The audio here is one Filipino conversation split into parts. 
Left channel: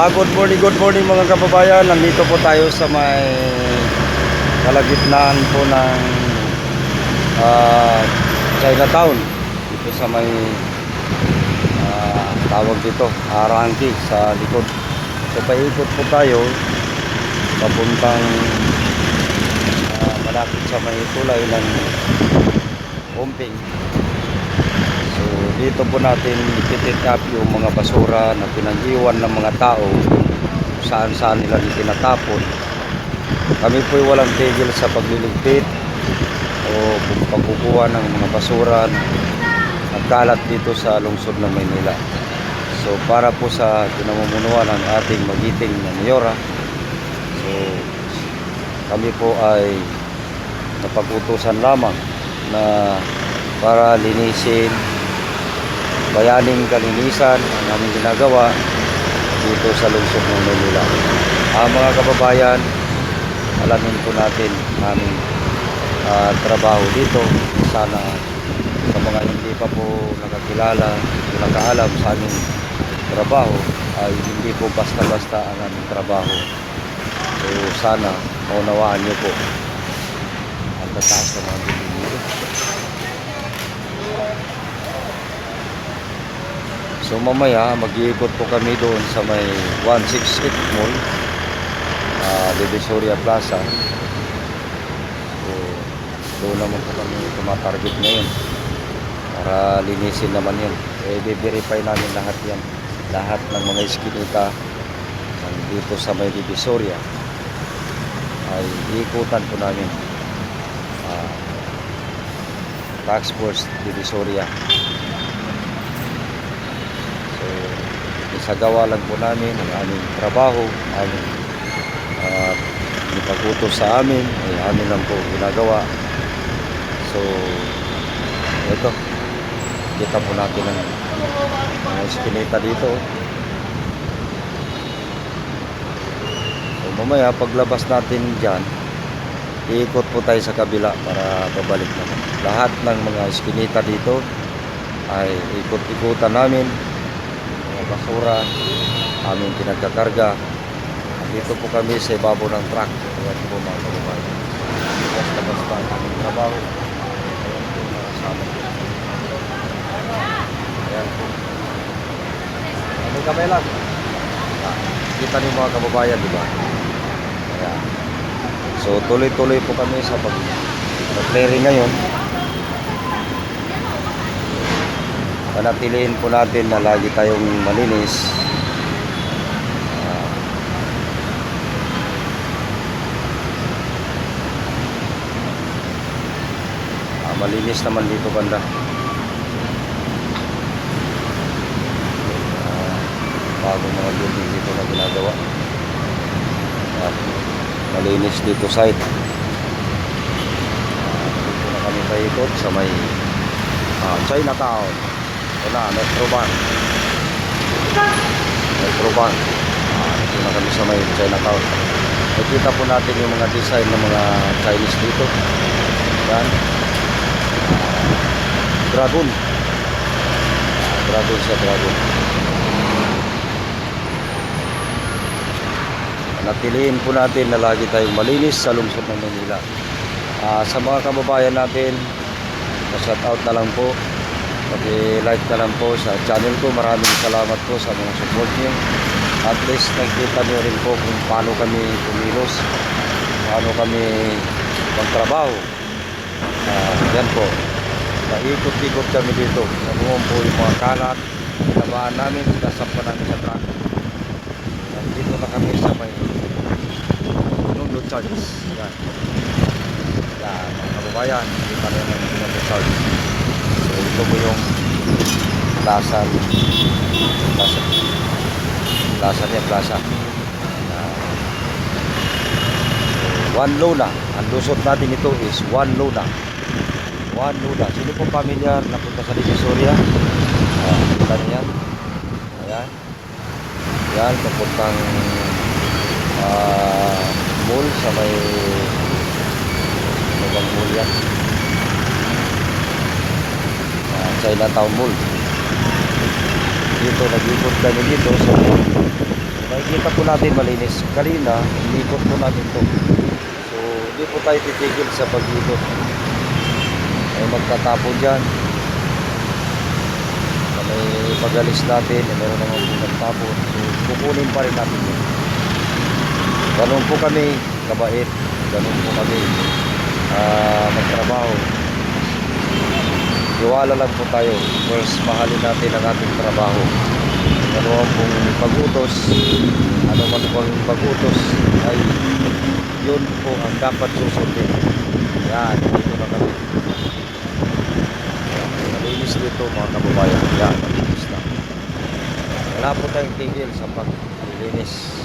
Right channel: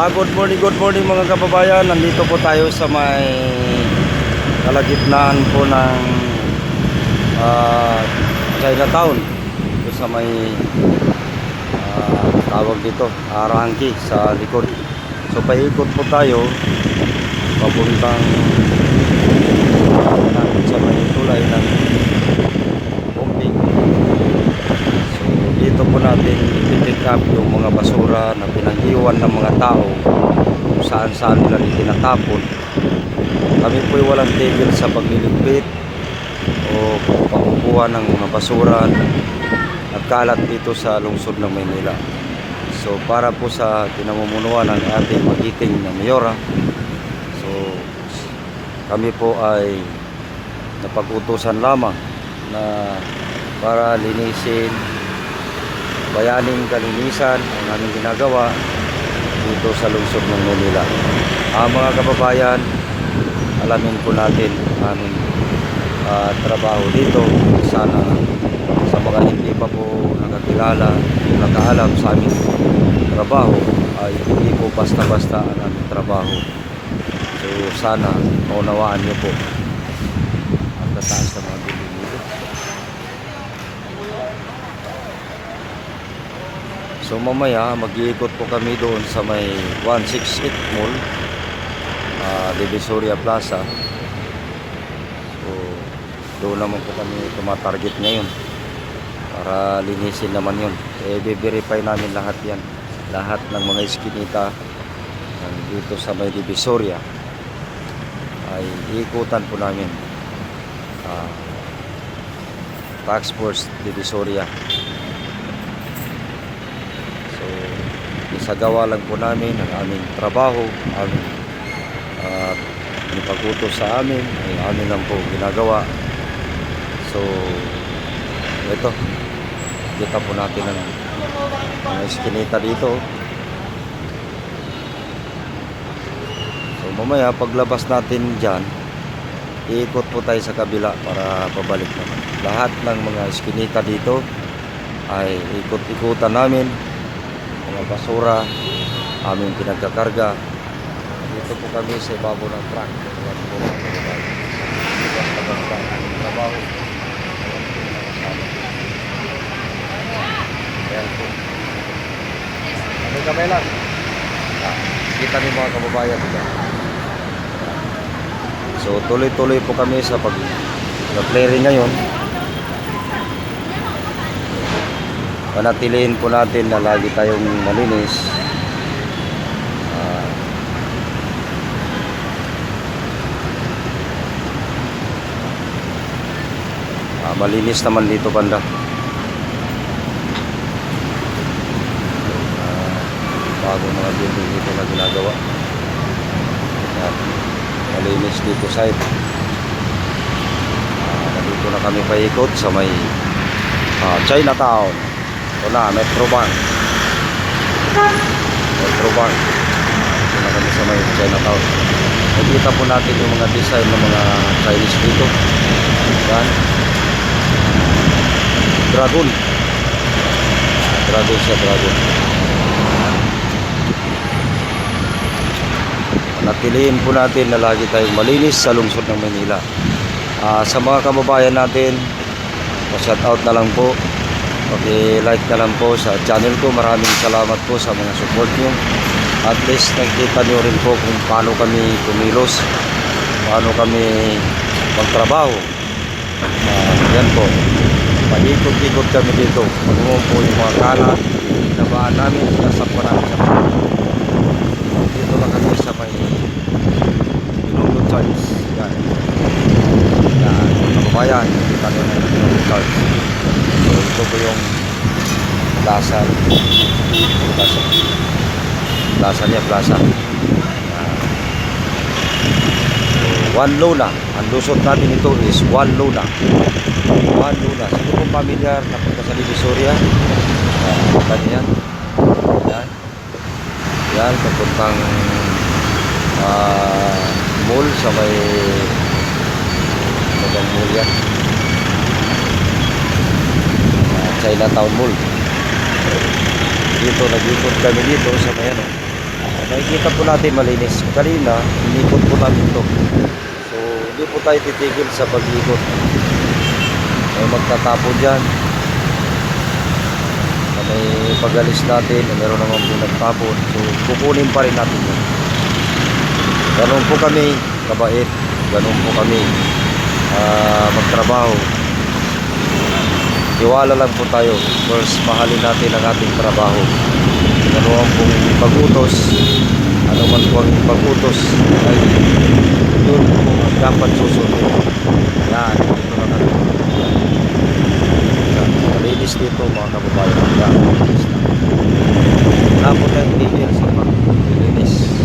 Ah, good morning, good morning mga kababayan. Nandito po tayo sa may kalagitnaan po ng ah, Chinatown. Dito sa may ah, tawag dito, Arangki sa likod. So paikot po tayo papuntang uh, malapit sa may tulay ng pumping. Dito po natin ipipick up yung mga basura na pinanghiwan ng mga tao kung saan saan nila tinatapon. Kami po ay walang tigil sa pagliligpit o pagkukuha ng mga basura at kalat dito sa lungsod ng Maynila. So para po sa pinamumunuan ng ating magiting na mayora, so kami po ay napagutusan lamang na para linisin bayaning kalinisan ang aming ginagawa dito sa lungsod ng Manila. Ah, mga kababayan, alamin po natin aming ah, trabaho dito. Sana sa mga hindi pa po nakakilala, nakaalam sa aming trabaho, ay hindi po basta-basta ang aming trabaho. So sana maunawaan niyo po ang tataas sa mga building dito. So mamaya mag-iikot po kami doon sa may 168 Mall, uh, Divisoria Plaza. So doon naman po kami tumatarget ngayon para linisin naman yun. Eh, verify namin lahat yan. Lahat ng mga iskinita dito sa may Divisoria ay iikutan po namin uh, Tax Force Divisoria. So, isagawa lang po namin ang aming trabaho, aming uh, ipagutos sa amin, ay amin lang po ginagawa. So, ito, kita po natin ang mga eskinita dito. So, mamaya paglabas natin dyan, iikot po tayo sa kabila para pabalik naman. Lahat ng mga eskinita dito ay ikot-ikutan namin basura aming pinagkakarga. Dito po kami sa ibabaw ng truck. Ayan po mga kababayan basta basta ang aming trabaho. Ayan po. Mga kasama. Ayan po aming kamelan. Ah, kita niyo mga kababayan diba? So tuloy-tuloy po kami sa pag clearing ngayon panatiliin po natin na lagi tayong malinis. Ah, ah, malinis naman dito banda. Ah, bagong mga building dito na ginagawa. Yan. malinis dito side. Ah, dito na kami paikot sa may ah, Chinatown ito na, Metro Bank. Metro Bank. Ah, ito na kami sa may Chinatown. Nakita po natin yung mga design ng mga Chinese dito. Yan. Dragon. Ah, dragon siya, dragon. Panatiliin po natin na lagi tayong malinis sa lungsod ng Manila. Ah, sa mga kababayan natin, shout out na lang po Paki-like na lang po sa channel ko. Maraming salamat po sa mga support nyo. At least nakita nyo rin po kung paano kami kumilos. Paano kami magtrabaho. Ah, yan po. Paikot-ikot kami dito. Magumong po yung mga kalat. Pinabaan namin. Kasapa namin sa truck. Dito na kami sa may Pinuglo Charles. Yan. Yan. Kababayan. Nyo na yung Pinuglo Charles. So ito po yung plaza. Plaza. Plaza niya plaza. Yan. so, one luna. Ang lusot natin ito is one luna. One luna. Sino pong pamilyar na punta sa Divisoria? Uh, punta niya yan. Yan. Yan papuntang ah, mall sa may ano bang mall yan Ah, Chinatown Mall. Dito, nag-ikot kami dito sa may makikita po natin malinis. Kanina, inikot po natin to. So, hindi po tayo titigil sa pag-ikot. May magtatapon dyan. Na may pag-alis natin, na meron naman po nagtapon. So, kukunin pa rin natin yun. Ganun po kami, kabait. Ganun po kami ah, magtrabaho. Iwala lang po tayo. First, mahalin natin ang ating trabaho. Ano ang pong pag-utos, ano man pong pag-utos, ay yun po ang dapat susundin. Yan, dito na kami. Yan, malinis dito mga kababayan. Yan, malinis na. Wala po tayong tigil sa paglilinis.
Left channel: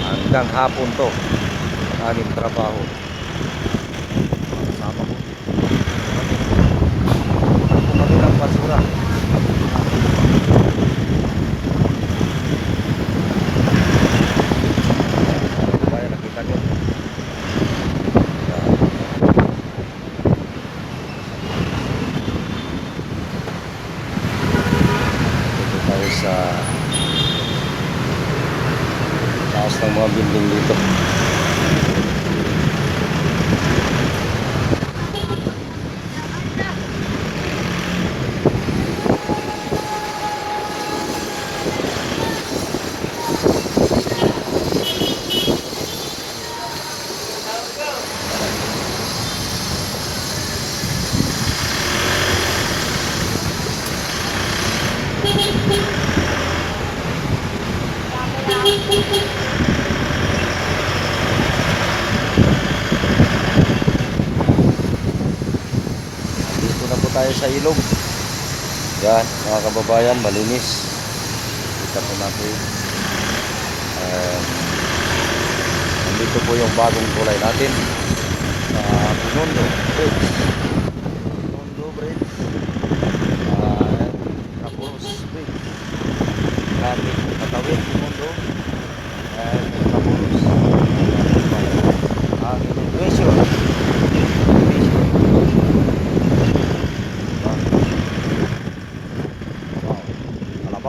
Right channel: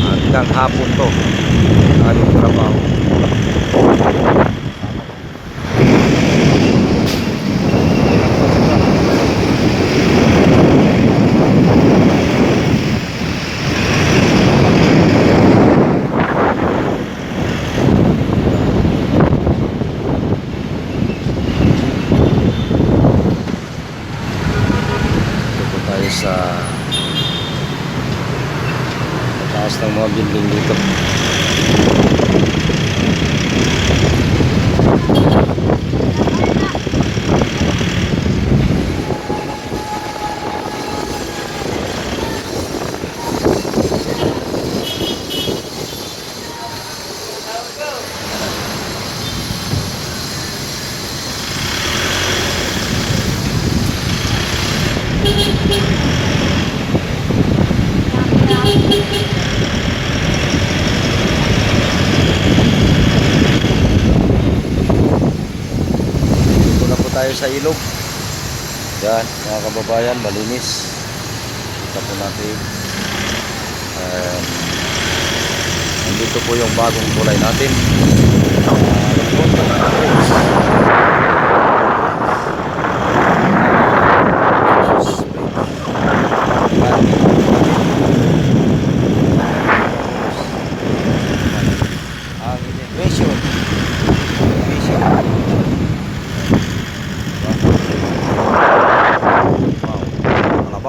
Hanggang hapon to, ang aming trabaho. Kami lang basura. Dito tayo sa taas ng mga building dito. Dito na po tayo sa ilog. Yan, mga kababayan, malinis. Kita po natin. Um, nandito po yung bagong tulay natin. Uh, Bridge. Ang. Immigration.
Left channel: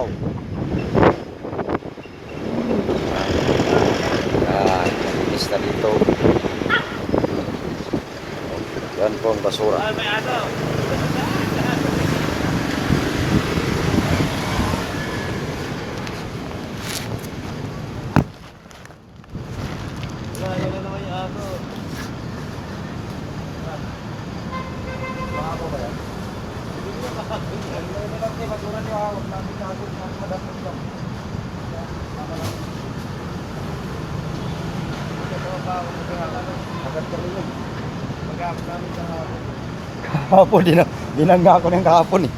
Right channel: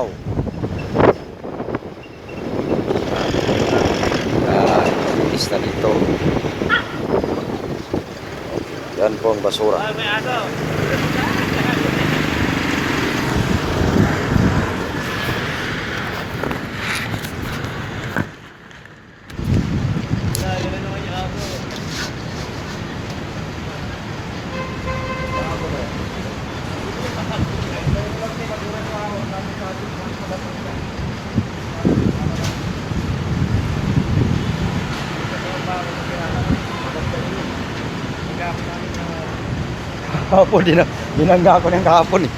Wow. Yan, linis na dito. Basura. Kahapon, din dinangga ako ng kahapon eh.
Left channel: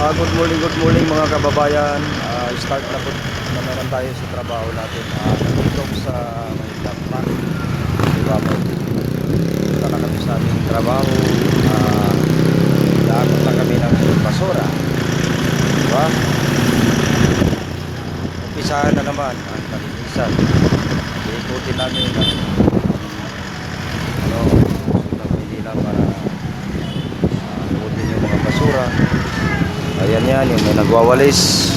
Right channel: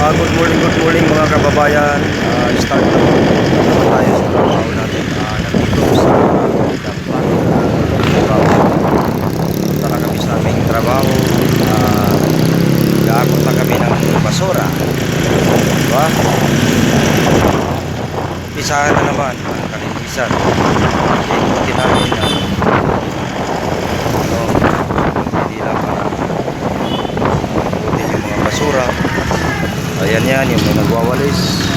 Ah, good morning, good morning mga kababayan. Ah, start na po na naman tayo sa trabaho natin. Ah, nandito sa Kaplan. Trabaho. Punta na kami sa aming trabaho. Ah, Gaakot na kami ng basura. Diba? Umpisahan na naman ang kalinisan. Ikutin namin ang ano, lang para mabutin yung mga basura. Ayan yan, yung may nagwawalis.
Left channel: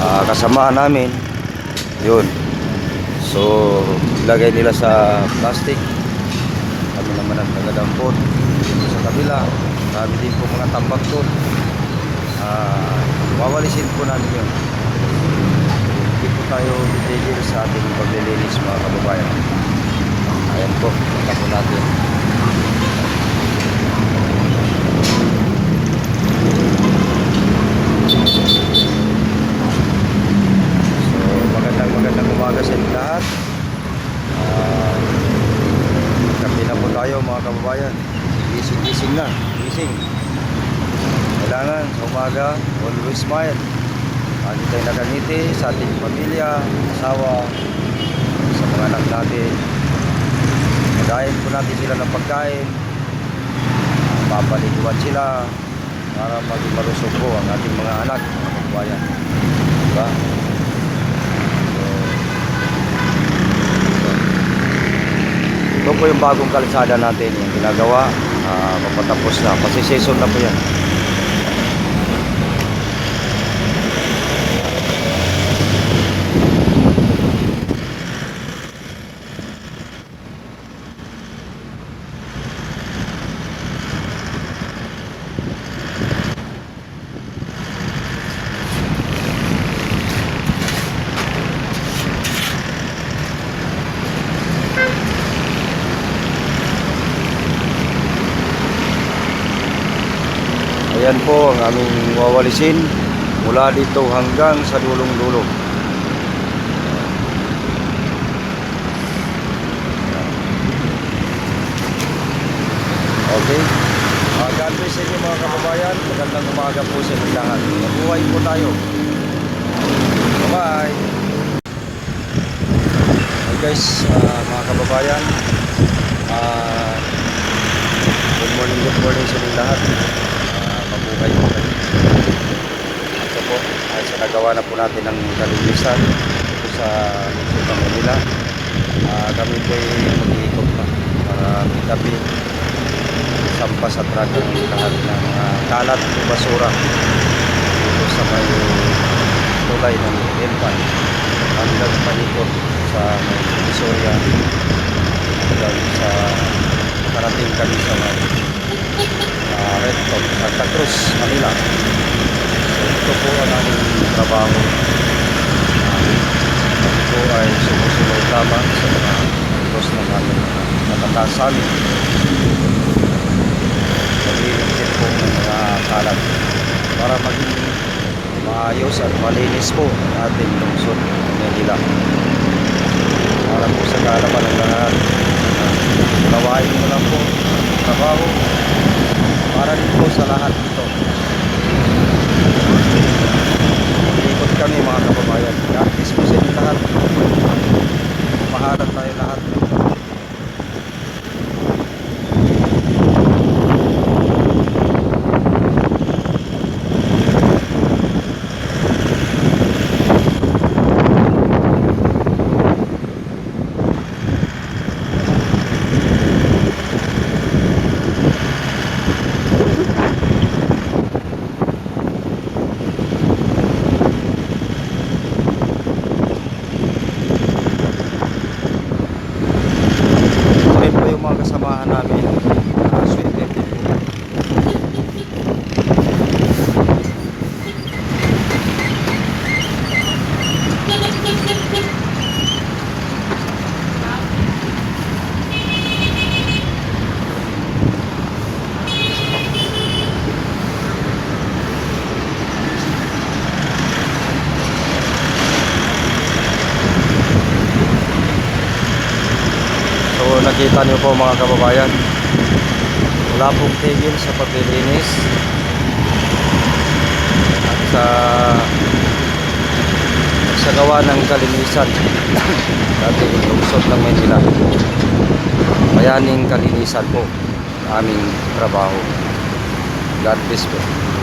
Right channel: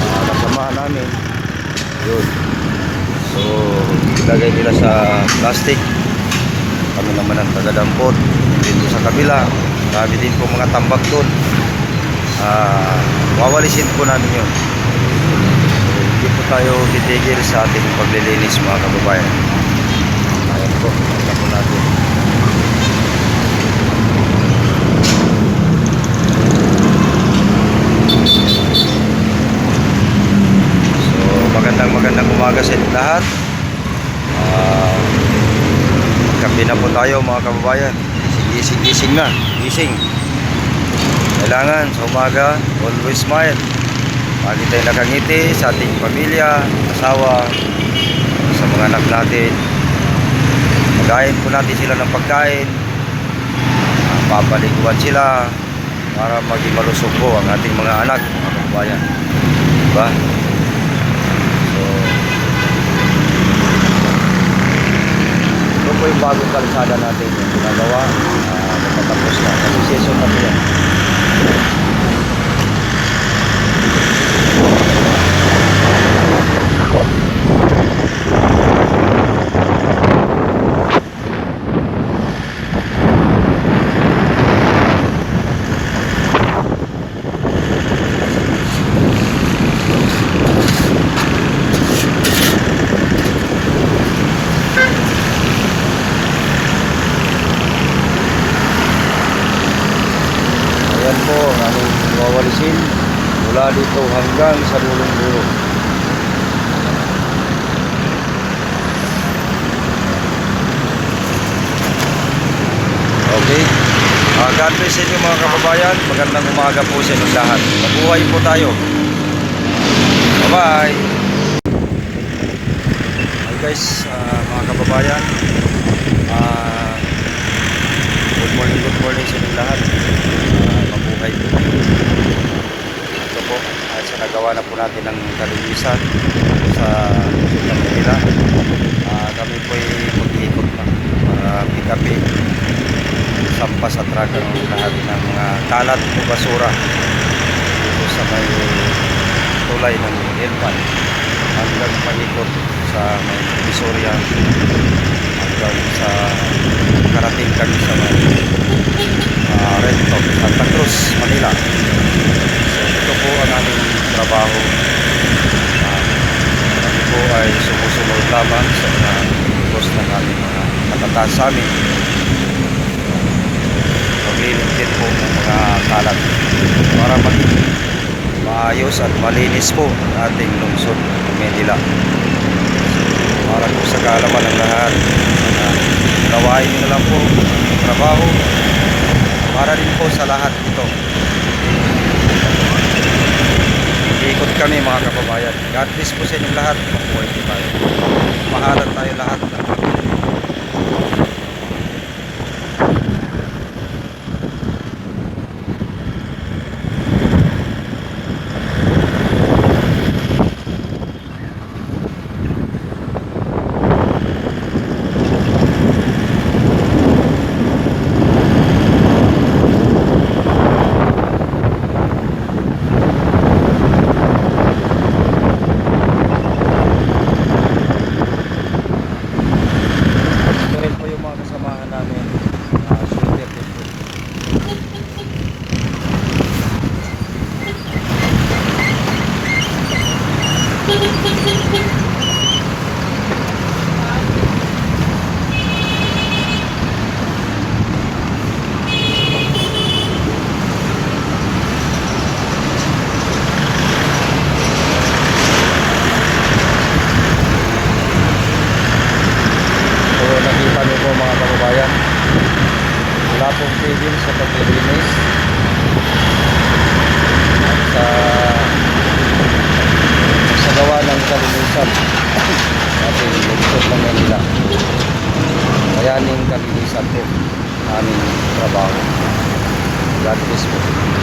Ah, kasama namin. Yun. So, ilagay nila sa plastic. Kami naman ang taga-dampot. Dito sa kabila. Marami din po mga tambak doon. Ah, wawalisin po namin yun. Hindi po tayo titigil sa ating paglilinis mga kababayan. Ayan po, ito po natin. So, magandang magandang umaga sa lahat. Ah, kape na po tayo mga kababayan. Gising, gising na. Gising. Kailangan sa umaga, always smile. Lagi tayo nakangiti sa ating pamilya, asawa, sa mga anak natin. Pagayin po natin sila ng pagkain. Uh, papaliguan sila para maging malusog po ang ating mga anak, mga kababayan. Diba? So, ito po yung bagong kalsada natin yung ginagawa. Uh, napatapos na. Kasi season na po yan. Dito hanggang sa dulong-dulo. Okay. Uh, God bless inyo mga kababayan. Magandang umaga po sa inyong lahat. Mabuhay po tayo. Bye-bye. Hi guys, ah, mga kababayan. Ah, good morning, good morning sa inyong lahat. Ah, mabuhay po kayo. Po, uh, sinagawa na po natin ang kalinisan sa Luzon ng Manila. Ah, kami po ay mag-iikot na para pick upin sampa sa truck ang lahat ng mga kalat o basura dito sa may tulay ng Elpan hanggang panikot sa may Visoria hanggang sa makarating kami sa may uh, Red Top, Santa Cruz, Manila. Ito po ang aming trabaho. Kami po ay sumusunod lamang sa mga utos ng aming mga nakataas sa amin magliligpit po ng mga kalat para maging maayos at malinis po ang ating lungsod ng Manila. Para po sa kaalaman ng lahat, nawain nyo lang po trabaho para din po sa lahat ito. Iikot kami mga kababayan. God bless po sa inyo lahat. Mahalan tayo lahat ng Ayun po yung mga kasamahan namin. Swimmer din po. So nakita niyo po mga kababayan. Wala pong tigil sa paglilinis. Sa sa gawa ng kalinisan. sa ating lungsod ng Manila. Bayaning kalinisan po aming trabaho. God bless po.